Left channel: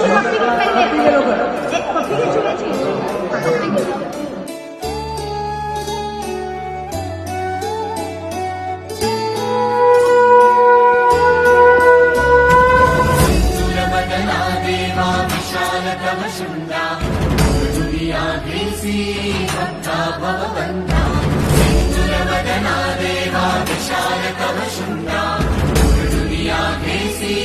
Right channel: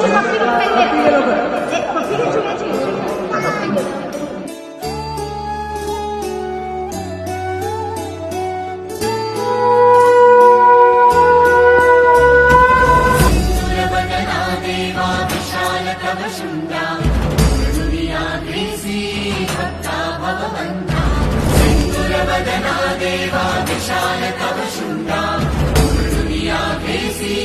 पप्पी घे पहिले. पप्पी घे चुन्याची. पप्पी घे. तव शुंडा दुनिया देसी भक्ता भवबंधा सिंदूरवदना देवा विशाल तव शुंडा दुनिया देसी